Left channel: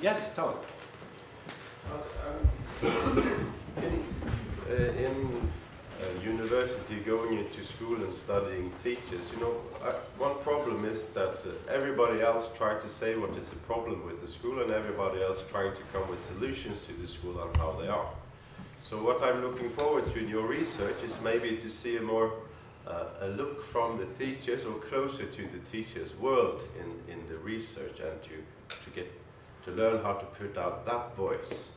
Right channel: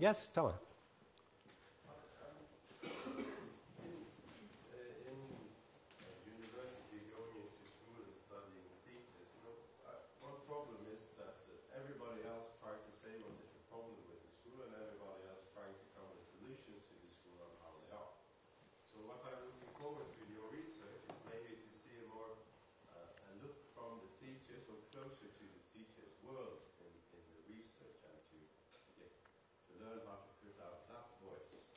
Yes, Tom. In university, going into school and studying teachers, you know, one problem is that everybody else tries to say what is the problem with the school, and everybody else trying to come with solutions to the school and how they are. So what I'm looking forward to in your research is maybe to see a more a look from the teachers, or closer to the teachers' world in the research, and to learn how to put out that voice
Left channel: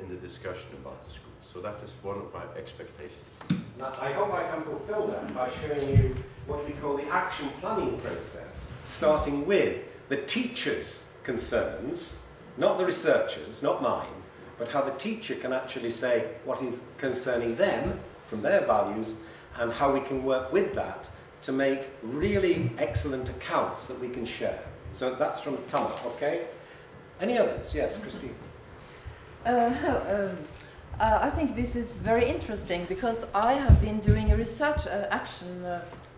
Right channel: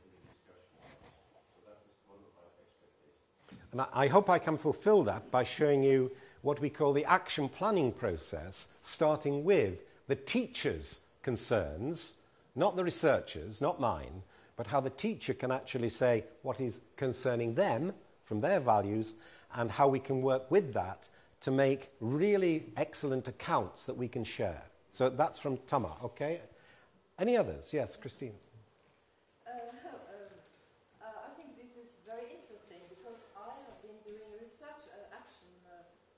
in the discussion about the school. So that is one of my expectations. And I hope I can fulfill that by showing you what we call the action planning process, starting with the teachers' concerns, not the researchers, not mine, but how the teacher can actually say what is concerning them from their values, and how we can work with that to make really excellent accounts that we can share. So that's from Tama, okay? Any others? Yes, Christine. I think this is very interesting, because I have been doing a research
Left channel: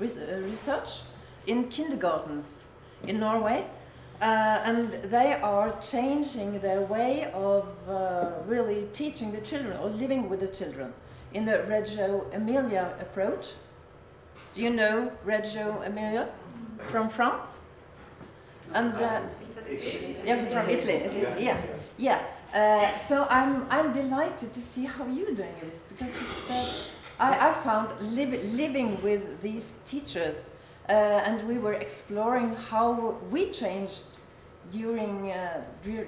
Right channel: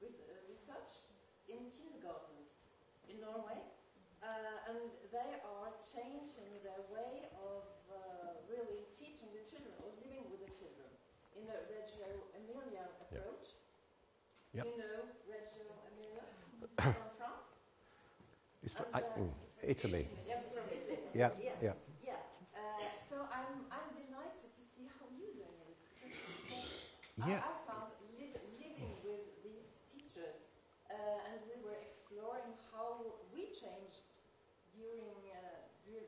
research in kindergartens in Norway, and they are changing their way of really teaching the children, or living with the children, in the Reggio Emilia approach. Do you know Reggio Emilia from France? And Italy. yeah, from Italy. Yeah. So I'm delighted to see how you're doing this, because it's, I found living with these teachers, and we were exploring how we changed during 2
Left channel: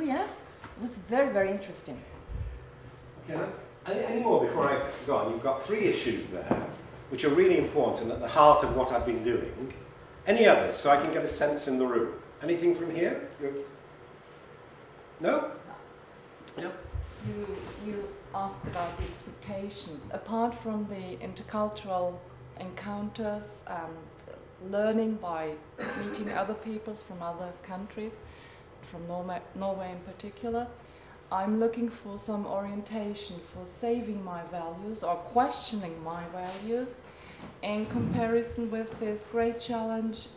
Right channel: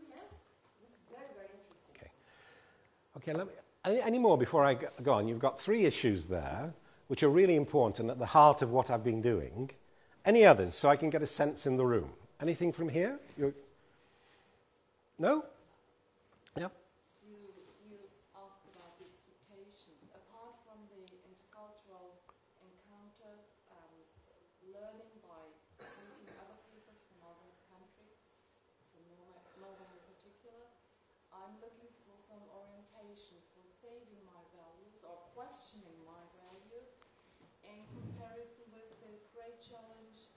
years. It was very, very interesting. Okay. Any more before I go on? You've got 3 issues there, which are really important at the heart of what I've been doing. Any others, so I can get a sense in the room? Anything from here? No? Yeah. You asked about the expectations. Apart from the intercultural encounters and learning by meeting other peoples from other countries, from Norway in particular, I'm looking for some orientation for saving my values or questioning my values in comparison with this great challenge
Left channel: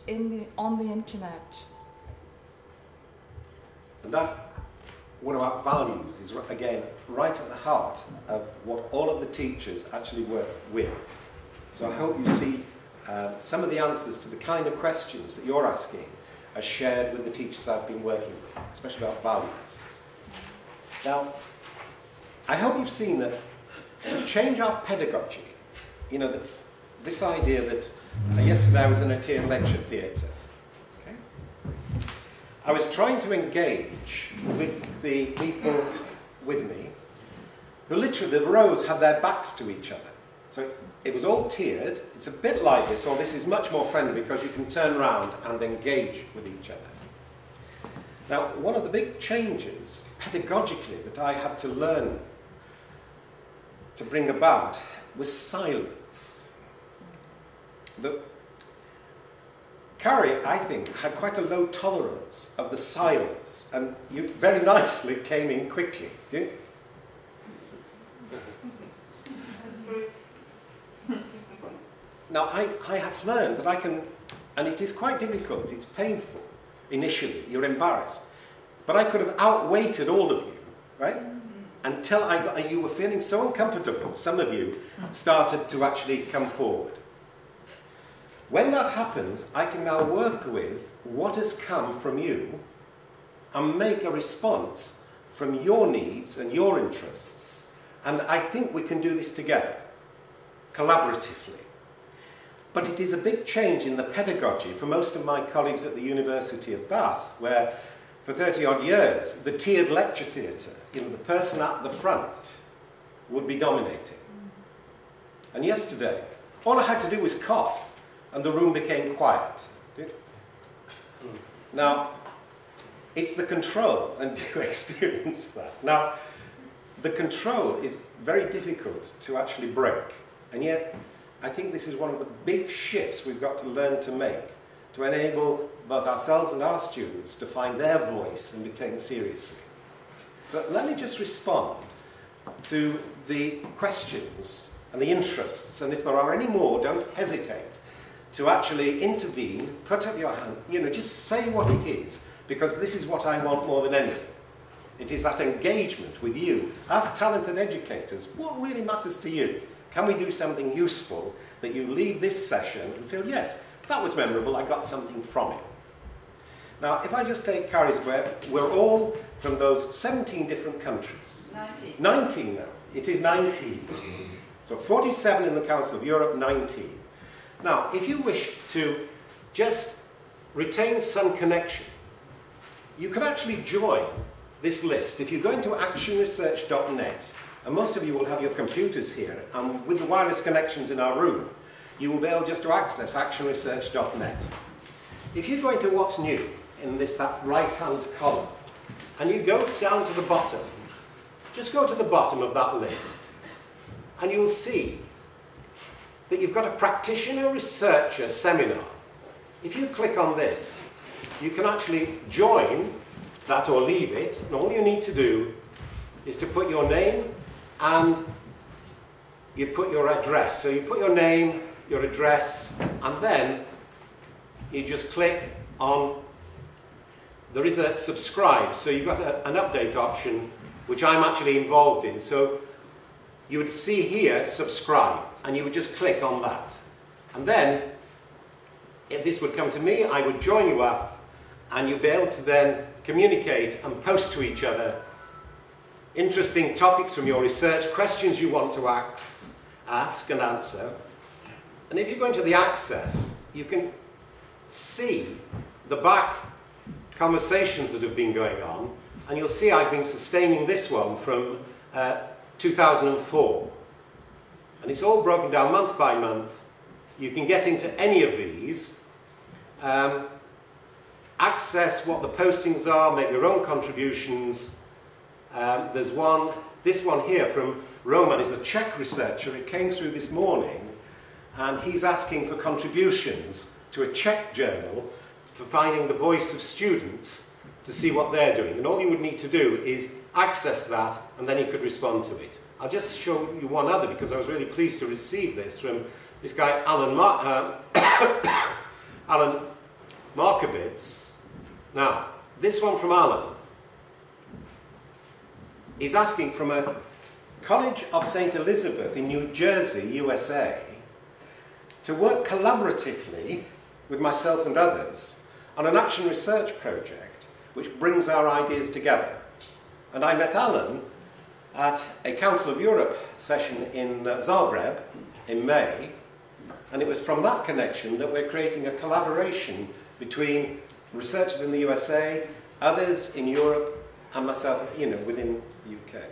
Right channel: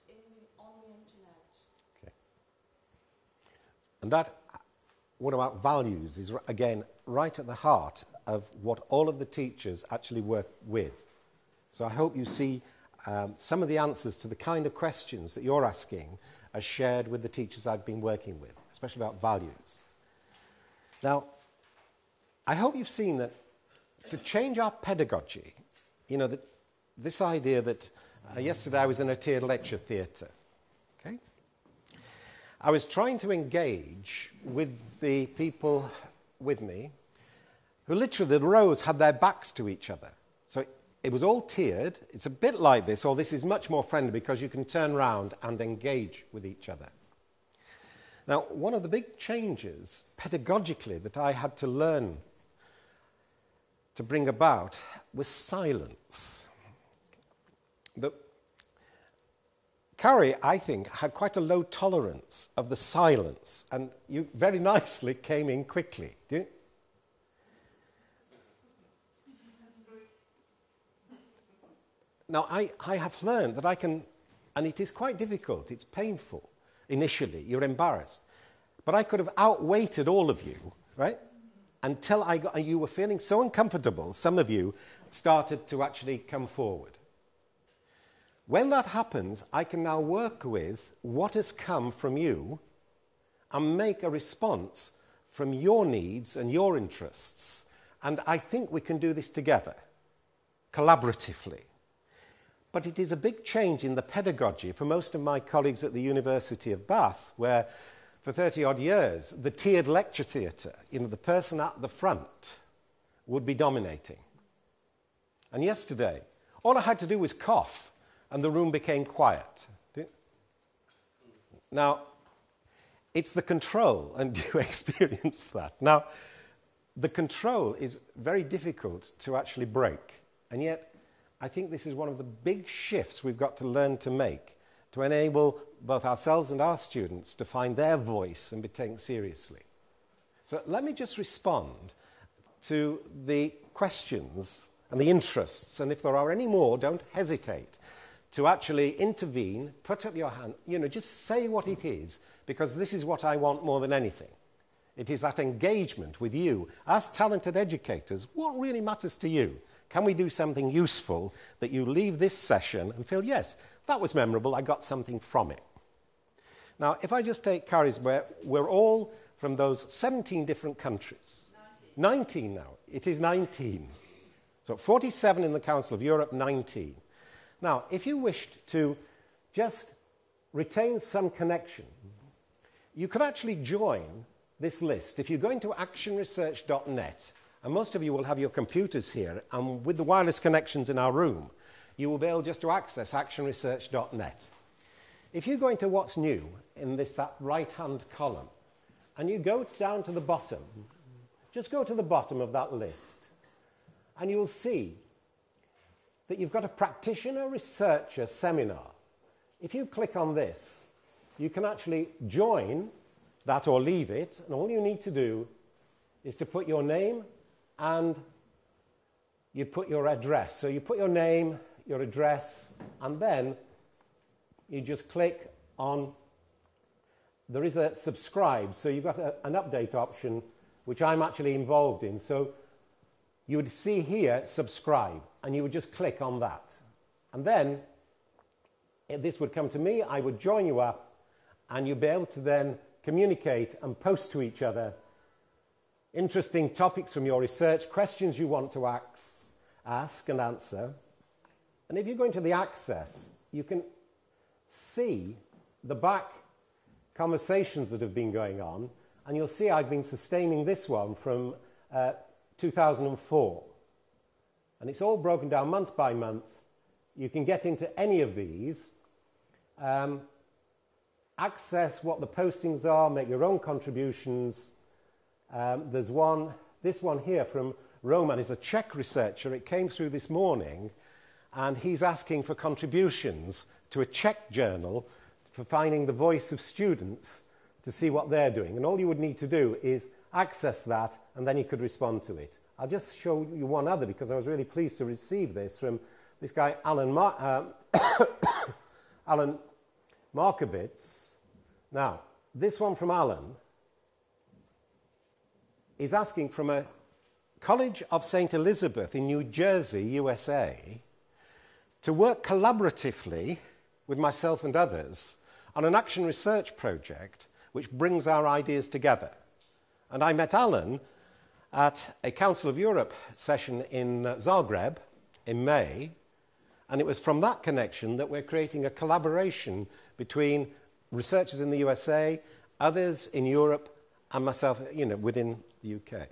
on the internet. And that, what about values, is again right at the heart of what all of the teachers actually work with. So I hope you see some of the answers to the kind of questions that you're asking are shared with the teachers I've been working with, especially about values. Now, I hope you've seen that to change our pedagogy, you know, this idea that yesterday I was in a tiered lecture theatre. Okay? I was trying to engage with the people with me who literally, the rows had their backs to each other. So it was all tiered. It's a bit like this, or this is much more friendly because you can turn around and engage with each other. Now, one of the big changes pedagogically that I had to learn to bring about was silence. Carrie, I think, had quite a low tolerance of the silence, and you very nicely came in quickly. Do you? Now, I have learned that I can, and it is quite difficult, it's painful initially, you're embarrassed, but I could have outweighted all of you, right? Until you were feeling so uncomfortable, some of you started to actually come forward. When that happens, I can now work with what has come from you and make a response from your needs and your interests. And I think we can do this together, collaboratively. But it is a big change in the pedagogy for most of my colleagues at the University of Bath, where for 30-odd years, the tiered lecture theatre, you know, the person at the front would be dominating. And yesterday, all I had to do was cough, and the room became quiet. Now, it's the control, and you experience that. Now, the control is very difficult to actually break, and yet I think this is one of the big shifts we've got to learn to make, to enable both ourselves and our students to find their voice and be taken seriously. So let me just respond to the questions and the interests, and if there are any more, don't hesitate to actually intervene, put up your hand, you know, just say what it is, because this is what I want more than anything. It is that engagement with you as talented educators. What really matters to you? Can we do something useful that you leave this session and feel, yes, that was memorable, I got something from it. Now, if I just take Carrie's, we're all from those 17 different countries. 19 now. It is 19. So 47 in the Council of Europe, 19. Now, if you wish to just retain some connection, you can actually join this list. If you go into actionresearch.net, and most of you will have your computers here, and with the wireless connections in our room, you will be able just to access actionresearch.net. If you go into what's new in that right-hand column, and you go down to the bottom, just go to the bottom of that list, and you'll see that you've got a practitioner researcher seminar. If you click on this, you can actually join that or leave it, and all you need to do is to put your name and you put your address. So you put your name, your address, and then you just click on, there is a subscribe, so you've got an update option, which I'm actually involved in. So you would see here, subscribe, and you would just click on that. And then, if this would come to me, I would join you up, and you'll be able to then communicate and post to each other interesting topics from your research, questions you want to ask and answer. And if you go into the access, you can see the back conversations that have been going on, and you'll see I've been sustaining this one from 2004. And it's all broken down month by month. You can get into any of these, access what the postings are, make your own contributions. There's this one here from Roman, is a Czech researcher. It came through this morning, and he's asking for contributions to a Czech journal for finding the voice of students to see what they're doing. And all you would need to do is access that, and then you could respond to it. I'll just show you one other, because I was really pleased to receive this from this guy, Alan Markovitz. Now, this one from Alan is asking from a College of St. Elizabeth in New Jersey, USA, to work collaboratively with myself and others on an action research project which brings our ideas together. And I met Alan at a Council of Europe session in Zagreb in May, and it was from that connection that we're creating a collaboration between researchers in the USA, others in Europe, and myself, within the UK.